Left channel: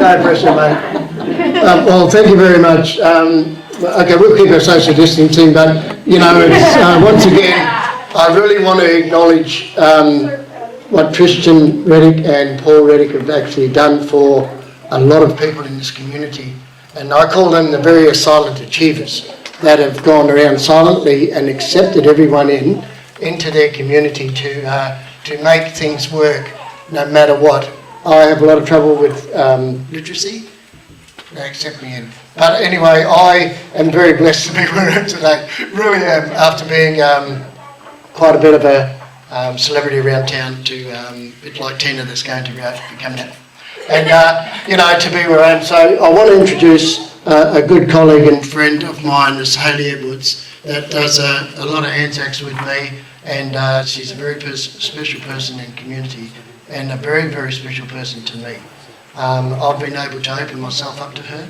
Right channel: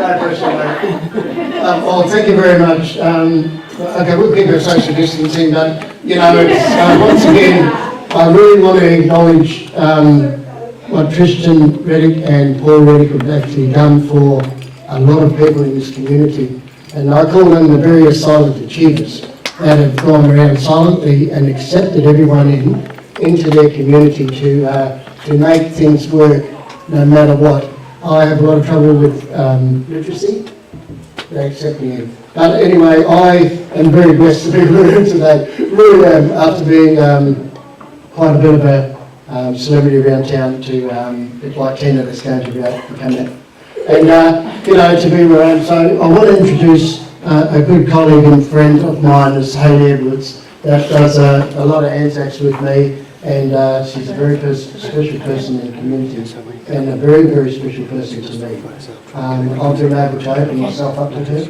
No pressure, mate. Well, thank you very much. Okay, we'll keep our social distancing, but, you know, it's, once again, I really want to acknowledge what Tristan Reddick and Paul Reddick have actually done for a lot of people in this community. And I call them the various silent achievers that have gone around silently and accepted everyone into their community to make things work no matter what. I have a lot of trouble with literacy. They accept me in. But anyway, I am very blessed to be here today. Really am, after being quite a bit of a celebrity around town to a bit like Tina that's going to become that. And, you know, to be where I am. So I want to introduce a good colleague and friend of mine, is Hayley Edwards, that does a lot of Anzacs with me, and she's a very special person in community and a very, very special person to me. I've been able to open myself up to her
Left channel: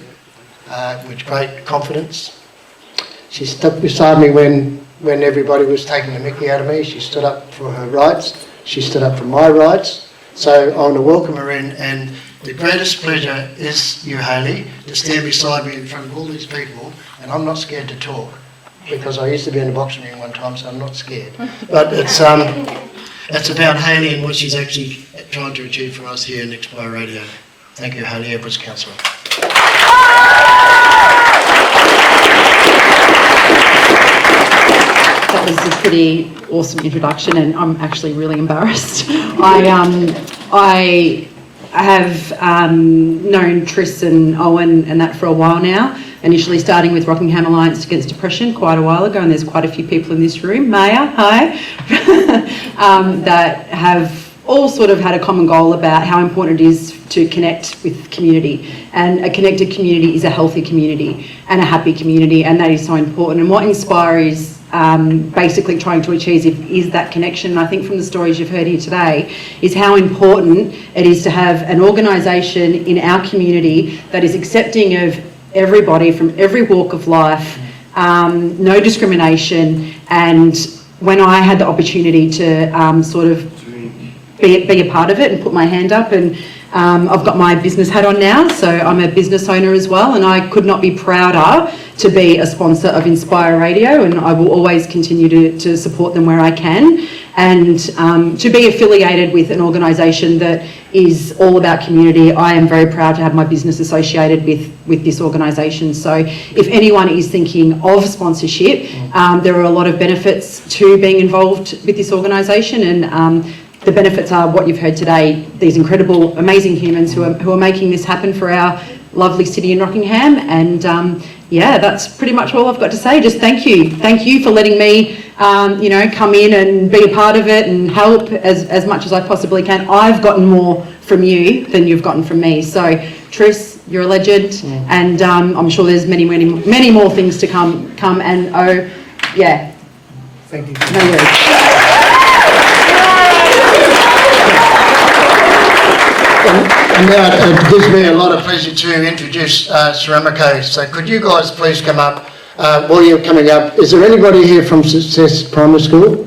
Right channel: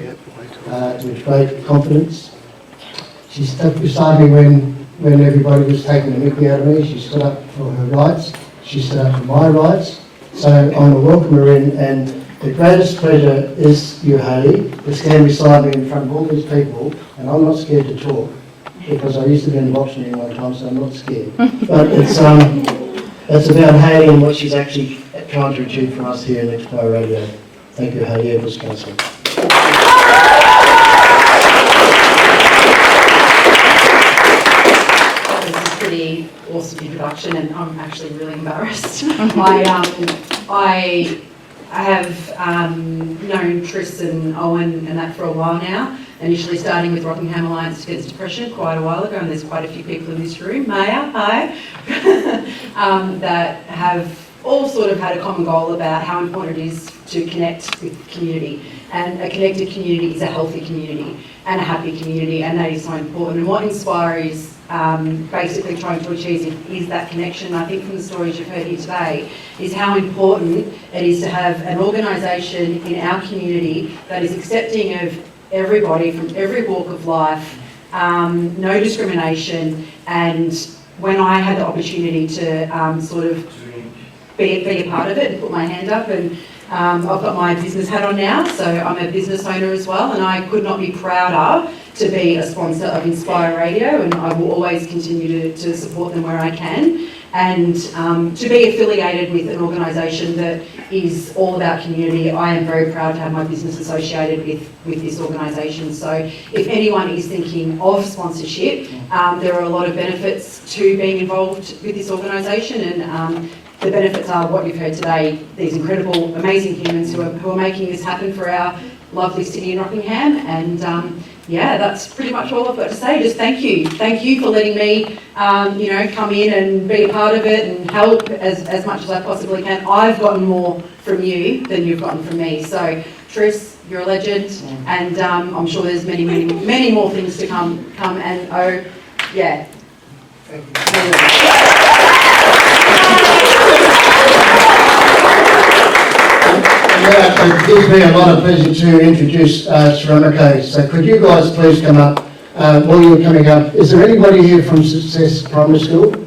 with great confidence. She stood beside me when everybody was taking the mickey out of me. She stood up for her rights. She stood up for my rights. So I want to welcome her in, and the greatest pleasure is you, Hayley, to stand beside me in front of all these people, and I'm not scared to talk, because I used to be in the boxing ring one time, so I'm not scared. But it's about Hayley and what she's actually trying to achieve for us here in Expo Radio. Thank you, Hayley Edwards, Councillor. That was a pretty awesome introduction, and I'm actually really embarrassed. I have known Tris and Owen and that for a while now, initially starting with Rockingham Alliance Against Depression quite a while ago, and there's quite a few people in this room, Maya, hi, that have all sort of had a common goal about how important it is to connect with community. And a connected community is a healthy community and a happy community, and that is so important. And what Inspire is basically trying to achieve is that connection. And I think from the stories you've heard here today is how important it is to have an organisation in our community that is accepting of everybody from every walk of life, no discrimination. And when I had the opportunity to sort of be a part of it and put my hand up, and I've got my business hat on now, so I'm a business owner as well, and I could not be prouder to be a sponsor of Inspire Radio, and I will always continue to support them where I can, and to be affiliated with an organisation that is all about community. I am very proud to have my business associated with this organisation. So if anyone is thinking of sponsorship, there are a lot of benefits to being involved with this organisation, and the benefits are what you've heard today, these incredible, amazing humans who are making this happen for our lovely city in Rockingham. And yeah, that's pretty much all I've got to say. Just thank you. Thank you for letting me, you know, come in and be a part of it and help as much as I possibly can. I've gotten more from you than you've gotten from me. So Tris, you're a legend, and I'm sure there's many more things to come. And oh, yeah. Thank you. It gives me a lot of pleasure to introduce Ceramico. So could you guys please come up? While you're coming up, is there anybody here from Success Primary School?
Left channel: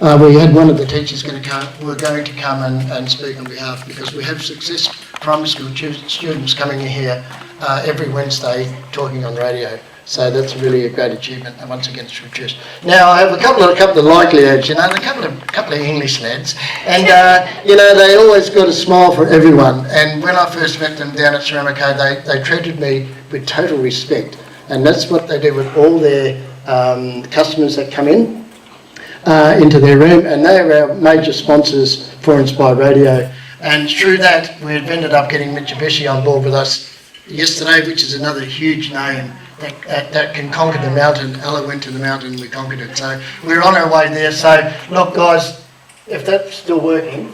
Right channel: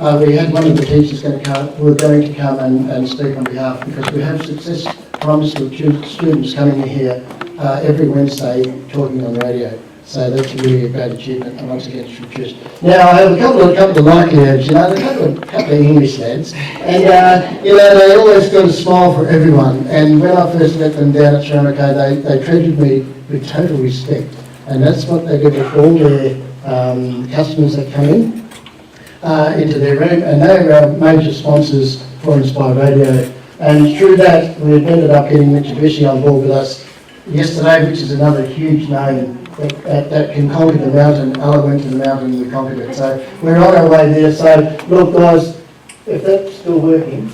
We had one of the teachers going to come and speak on behalf, because we have Success Primary School students coming in here every Wednesday talking on the radio. So that's really a great achievement, and once again it's introduced. Now I have a couple of likely lads, you know, a couple of English lads, and you know, they always got a smile for everyone. And when I first met them down at Ceramico, they treated me with total respect, and that's what they did with all their customers that come in into their room, and they are our major sponsors for Inspire Radio. And through that, we've ended up getting Mitsubishi on board with us yesterday, which is another huge name that can conquer the mountain. Ella went to the mountain, we conquered it. So we're on our way there. So look, guys, if that's still working,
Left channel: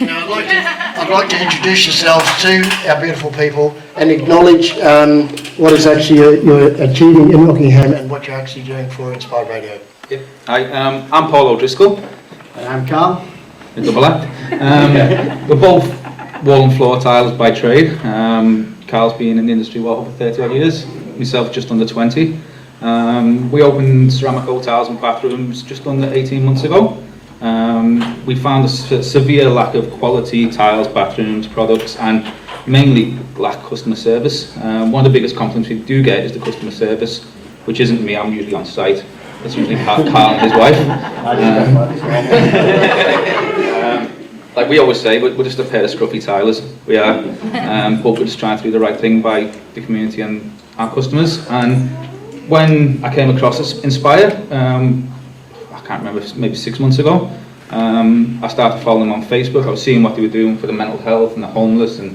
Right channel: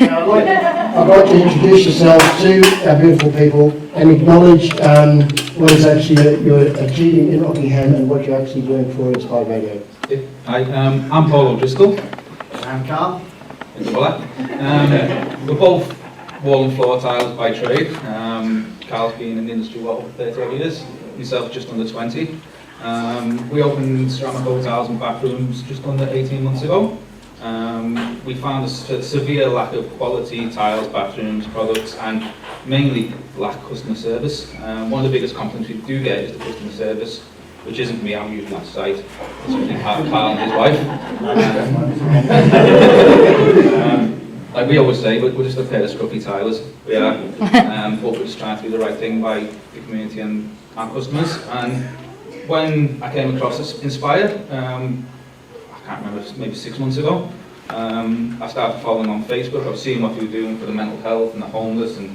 now I'd like to introduce yourselves to our beautiful people and acknowledge what is actually you're achieving in Rockingham and what you're actually doing for Inspired Radio. Hi, I'm Paul O'Driscoll. I'm Carl. We're both wall and floor tilers by trade. Carl's been in the industry over 30 odd years, myself just under 20. We opened Ceramico tiles and bathrooms just under 18 months ago. we found a severe lack of quality tiles, bathrooms, products, and mainly lack customer service. One of the biggest compliments we do get is the customer service, which isn't me. I'm usually on site. It's usually Carl and his wife. Like we always say, we're just a pair of scruffy tilers. We are, but we're just trying to do the right thing by the community and our customers. And when I came across Inspire, I can't remember, maybe 6 months ago, I started following them on Facebook. I was seeing what they were doing for the mental health and the homeless, and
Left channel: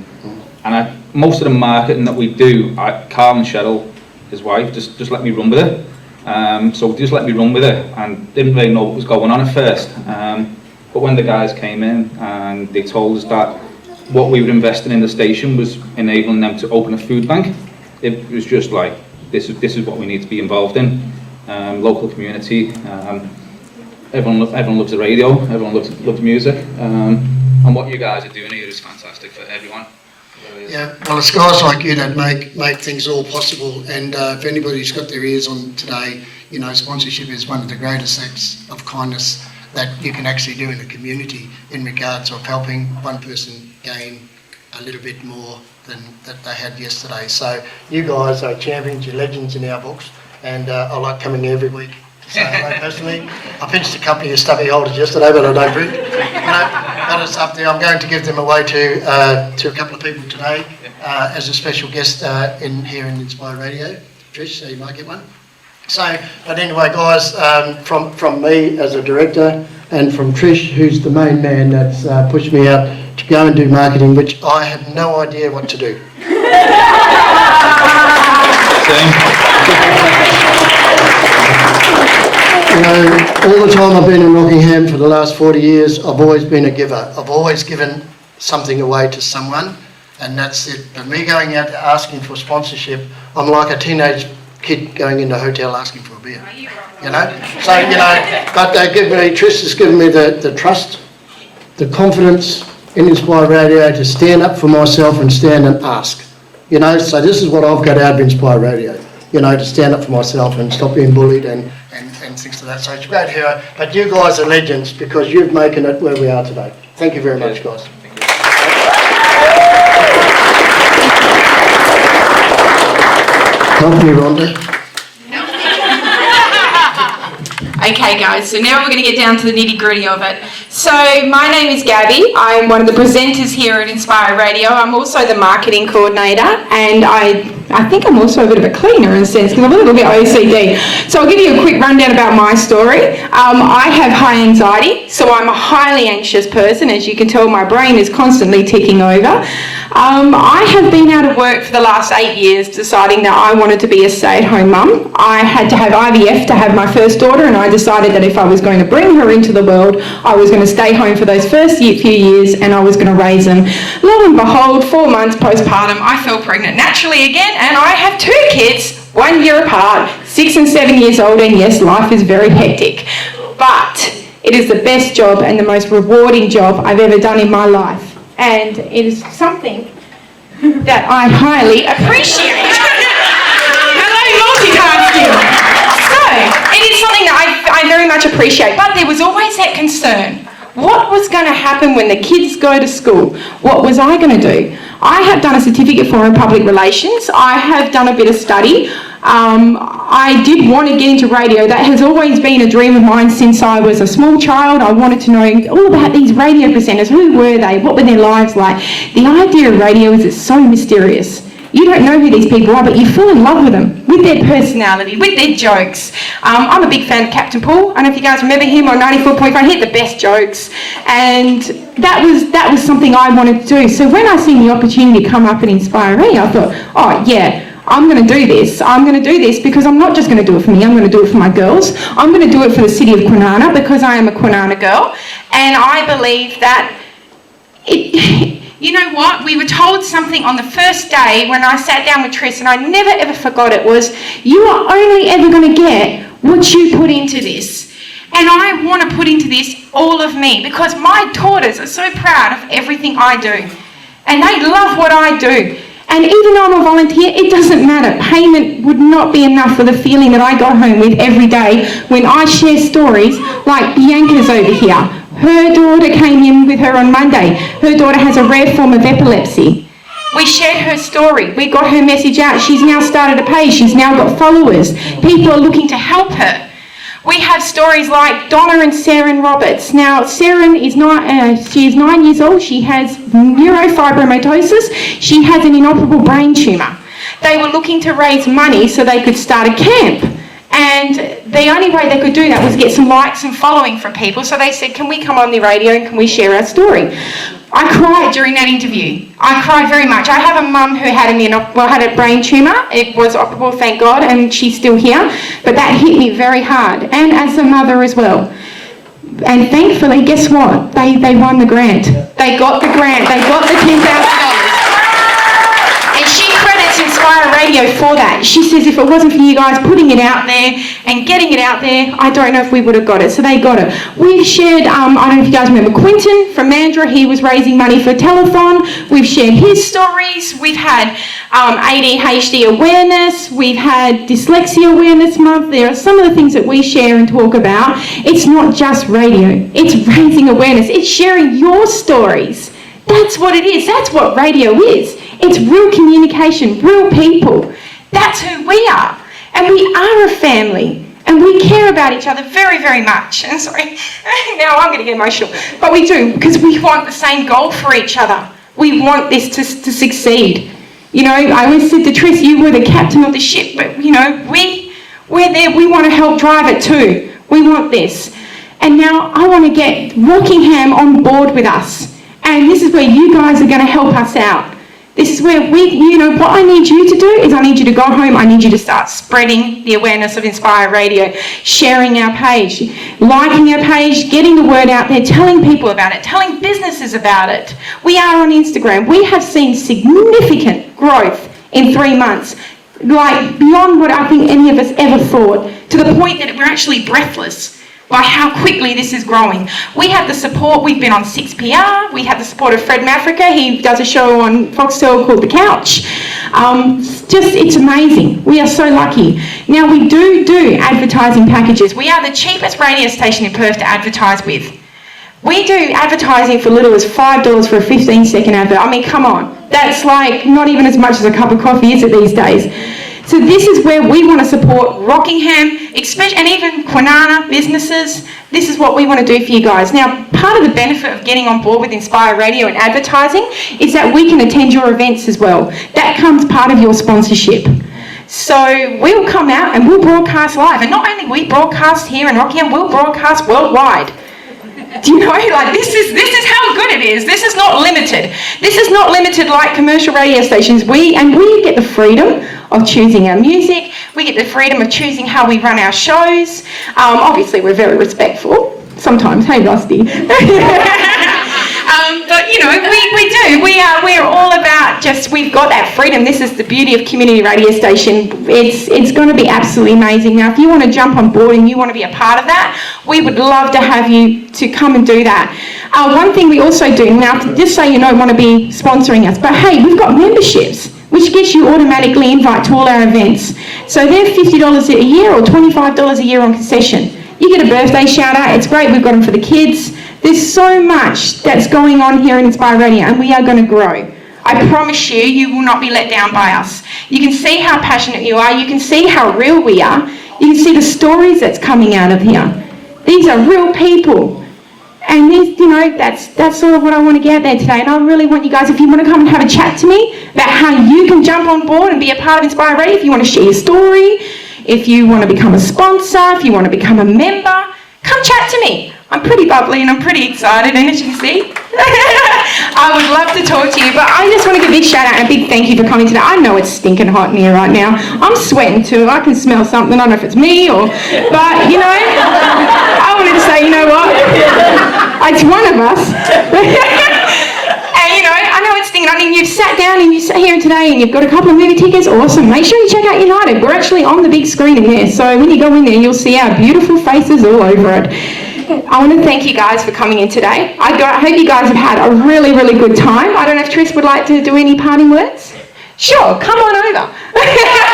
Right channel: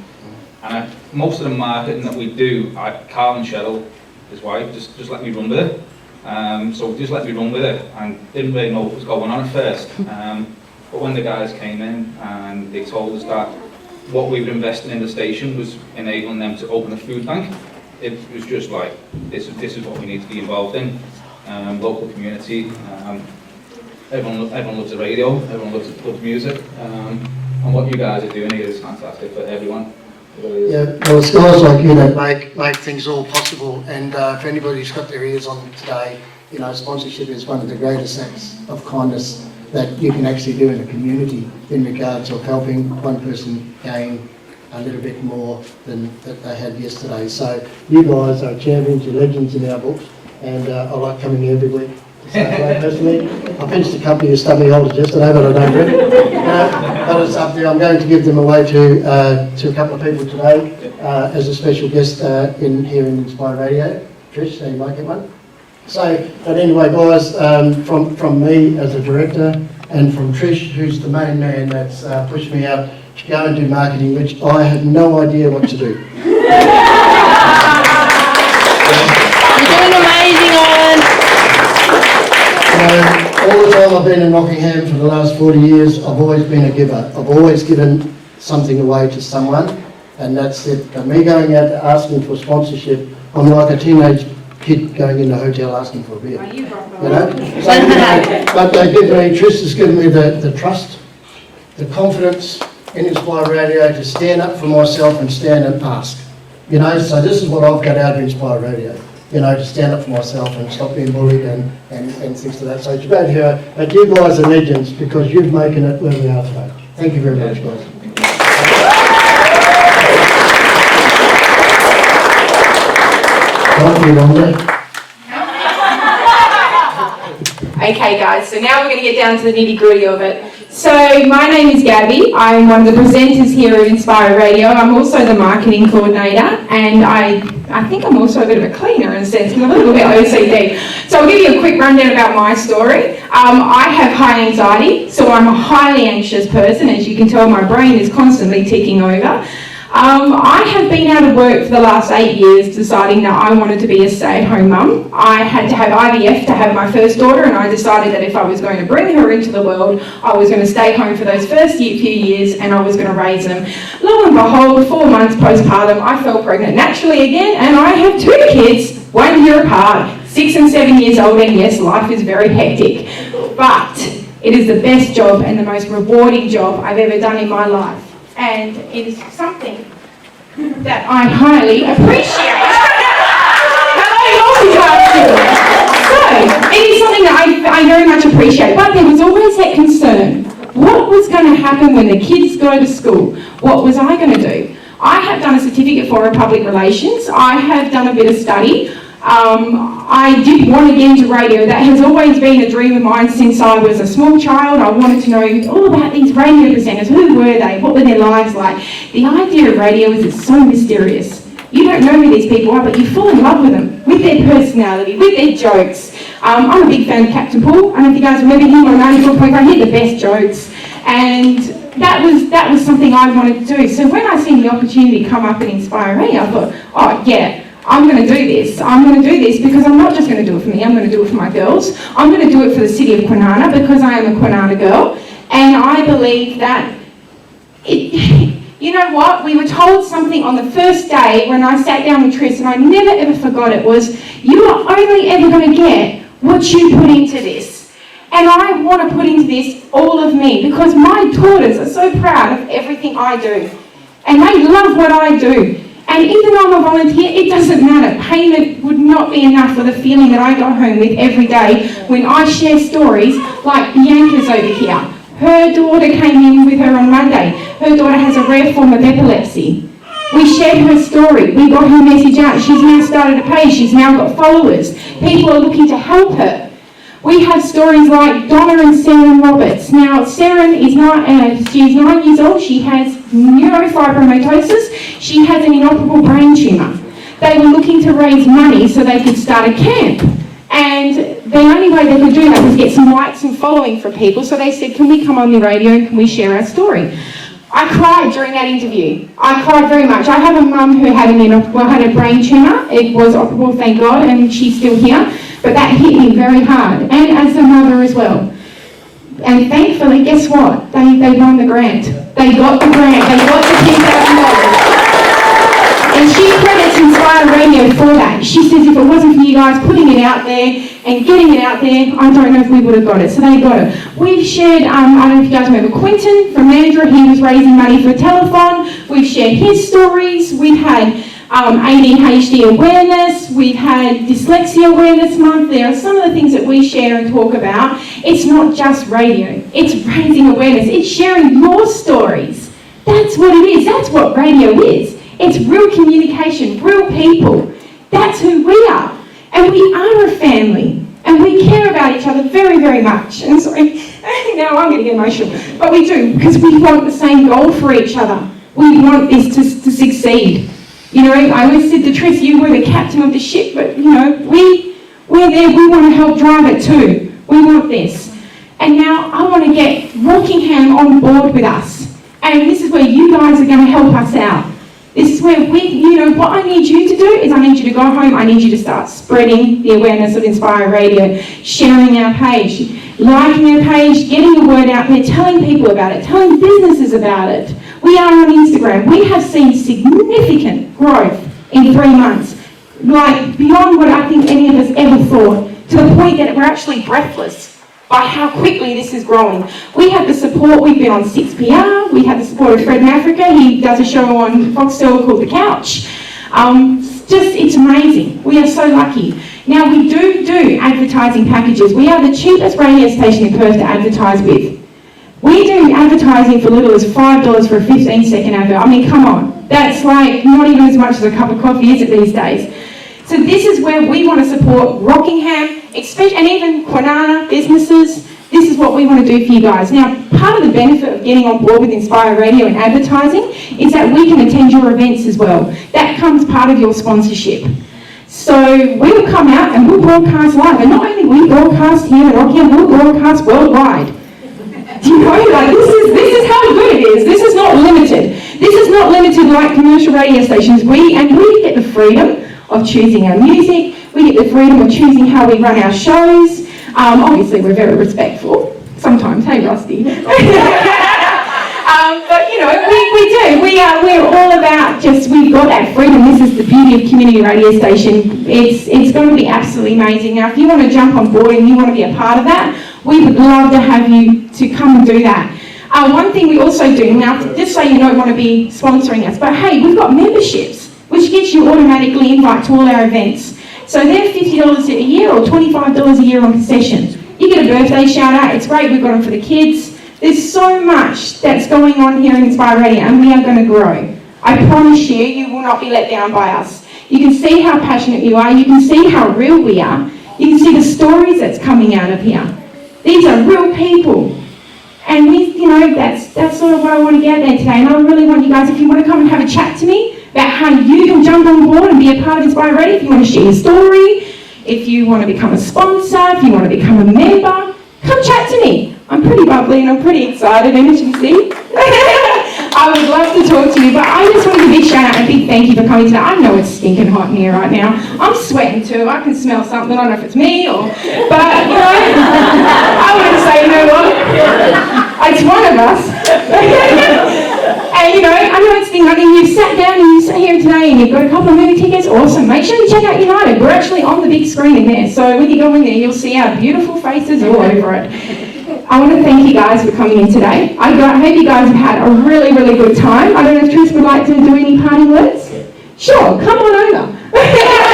most of the marketing that we do, Carl and Cheryl, his wife, just let me run with it. So just let me run with it, and didn't really know what was going on at first. But when the guys came in and they told us that what we were investing in the station was enabling them to open a food bank, it was just like, this is what we need to be involved in. Local community, everyone loves the radio, everyone loves music, and what you guys are doing here is fantastic for everyone. It really is. Yeah, well, it's guys like you that make things all possible, and if anybody's got their ears on today, you know, sponsorship is one of the greatest acts of kindness that you can actually do in a community in regards of helping one person gain a little bit more than that they had yesterday. So you guys are champions, you're legends in our books, and I like coming here every week to say hello personally. I pinched a couple of stubby holders yesterday, but I don't drink. You know, but it's up there. I'm going to give them away to a couple of people today as a special guest here in Inspire Radio. Trish, so you might get one. So, but anyway, guys, from me as a director, and from Trish, who's the main man that's pushed me out to go and do marketing, which I have no idea what to do. All the time I've been in Rockingham for the last 40 years, I've always been a giver. I've always given something away to someone, and that's it. And me going out asking for sponsorship, I'm like a teenage kid going in a hotel asking for a beer, you know. So, you know, but they give me, Trish has given me the trust, the confidence in Inspire Radio to stand up for myself and stand and ask, you know. So this is what I've got out of Inspire Radio, you know, to stand up for myself and stop being bullied and things like that. So it's a great hero, but you guys are legends because you've making it where we are today. Thank you very much, guys. Help me, Rhonda. Okay guys, so now we're going to get down to the nitty gritty of it. So my name is Gabby. I'm one of the presenters here at Inspire Radio. I'm also the marketing coordinator, and I think I'm also a bit of a cleaner in a sense because I'm a little bit OCD. So I'll give you a quick rundown about my story. I have high anxiety, so I'm a highly anxious person. As you can tell, my brain is constantly ticking over. I have been out of work for the last 8 years deciding that I wanted to be a stay-at-home mum. I had to have IVF to have my first daughter, and I decided that if I was going to bring her into the world, I was going to stay home for those first few years and I was going to raise them. Lo and behold, 4 months postpartum, I fell pregnant naturally again, and I have 2 kids, 1 year apart, 6 and 7 years old, and yes, life is very hectic. But it is the best job and the most rewarding job I've ever done in my life. And it is something that I highly appreciate. Hello, multitasking. So, it is something that I very much appreciate, but there was always that concern. What was going to happen when the kids go to school? What was I going to do? I have done a certificate for in public relations. I have done a bit of study. I did want to get into radio. That has always been a dream of mine since I was a small child. I wanted to know all about these radio presenters. Who were they? What were their lives like? The idea of radio is it's so mysterious. You don't know who these people are, but you fall in love with them, with their personality, with their jokes. I'm a big fan of Captain Paul. I don't know if you guys remember him on 94.1. He had the best jokes. And that was something I wanted to do. So when I seen the opportunity come up and Inspire Me, I thought, oh yeah, I'm going to do this. I'm going to do this because I'm not just going to do it for me, I'm going to do it for my girls. I'm going to do it for the city of Kwinana because I am a Kwinana girl. And I believe that you know what? We were told something on the first day when I sat down with Tris, and I never ever forgot it, was you are only ever going to get what you put into this. And I want to put into this all of me because my daughters are so proud of everything I do. And they love what I do. And even though I'm a volunteer, it doesn't matter. Payment would not be enough for the feeling that I go home with every day when I share stories like Bianca's over here. Her daughter came in with her on Monday. Her daughter has a rare form of epilepsy. We shared her story. We got her message out. She's now started a page. She's now got followers. People are looking to help her. We have stories like Donna and Saren Roberts. Now, Saren is she is 9 years old. She has neurofibromatosis. She has an inoperable brain tumour. They were looking to raise money so they could start a camp. And the only way they could do that was get some likes and following from people. So they said, can we come on the radio and can we share our story? I cried during that interview. I cried very much. I have a mum who had a brain tumour. It was operable, thank God, and she's still here. But that hit me very hard, and as a mother as well. And thankfully, guess what? They won the grant. They got the grant. They got the $10,000. And she credits Inspire Radio for that. She says if it wasn't for you guys putting it out there and getting it out there, I don't know if we would have got it. So they got it. We've shared, I don't know if you guys remember Quinton from Mandurah. He was raising money for telethon. We've shared his stories. We've had ADHD awareness. We've had Dyslexia Awareness Month. There are some of the things that we share and talk about. It's not just radio. It's raising awareness. It's sharing your stories. That's what it is. That's what radio is. It's real communication, real people. That's who we are. And we are a family. And we care about each other very, very much. And sorry, now I'm going to get emotional. But we do, because we want the same goal for each other. We want this to succeed. You know, I always said to Trish, you were the captain of the ship, but, you know, we're there. We want to help drive it too. We want this. And now I want to get Rockingham on board with us. And this is where you guys are going to help us out. This is where what I need you to do is I need you to go home, I need you to start spreading the awareness of Inspire Radio, sharing our page, liking our page, getting the word out there, telling people about it, telling businesses about it. We are on Instagram. We have seen significant growth in 3 months, like beyond what I think any of us ever thought, to the point that we're actually breathless by how quickly this is growing. We have the support, we've been on 6PR, we have the support of Fred Mafrica. He does a show on Foxtel called The Couch. It's amazing. We are so lucky. Now we do advertising packages. We are the cheapest radio station in Perth to advertise with. We do advertising for little as $5 for a 15-second advert. I mean, come on. That's like not even as much as a cup of coffee, is it, these days? So this is where we want to support Rockingham, and even Kwinana businesses. This is what we want to do for you guys. Now, part of the benefit of getting on board with Inspire Radio and advertising is that we can attend your events as well. That comes part of your sponsorship. So we'll come out and we'll broadcast live. And not only we broadcast here in Rockingham, we'll broadcast worldwide. Do you know, like this is how good it is. This is not limited. This is not limited like commercial radio stations. We get the freedom of choosing our music. We get the freedom of choosing how we run our shows. Obviously, we're very respectful. Sometimes, hey, Rusty. But, you know, we do. We're all about we've got that freedom. This is the beauty of community radio station. It's going to be absolutely amazing. Now, if you want to jump on board and you want to be a part of that, we would love to have you to come and do that. One thing we also do, now, just so you don't want to be sponsoring us, but hey, we've got memberships, which gets you automatically invite to all our events. So they're $50 a year or $25 a year on concession. You get a birthday shout out, it's great, we've got them for the kids. There's so much that's going on here in Inspire Radio, and we are going to grow. I promise you, you will not be let down by us. You can see how passionate you are, you can see how real we are, you can see the stories that's coming out of here. These are real people. And that's all what I want to get there today. And I really want you guys, if you want to come and have a chat to me about how you can jump on board and be a part of Inspire Radio, if you want to share your story, if you want to become a sponsor, if you want to become a member, come chat to me. I'm pretty bubbly and I'm pretty excited, and as you can see, I would love to talk to you, but I just want to give a big shout out and a big thank you for coming today. I know it's stinking hot in here right now. I'm sweating too. I can smell something. I don't know if it's me but you know, I wanted to say, you know what? It's one of us. And you know, I know it's stinking hot, and you've sat down and you sat here today and you've got a couple of movie tickets. Awesome. Make sure you check out United. We're actually on the big screen in there, so when you go in there, you'll see our beautiful faces all over it. I want to thank you guys for coming in today. I hope you guys have had a really, really good time. I don't know if Trish would like to do any parting words. Sure, come on over.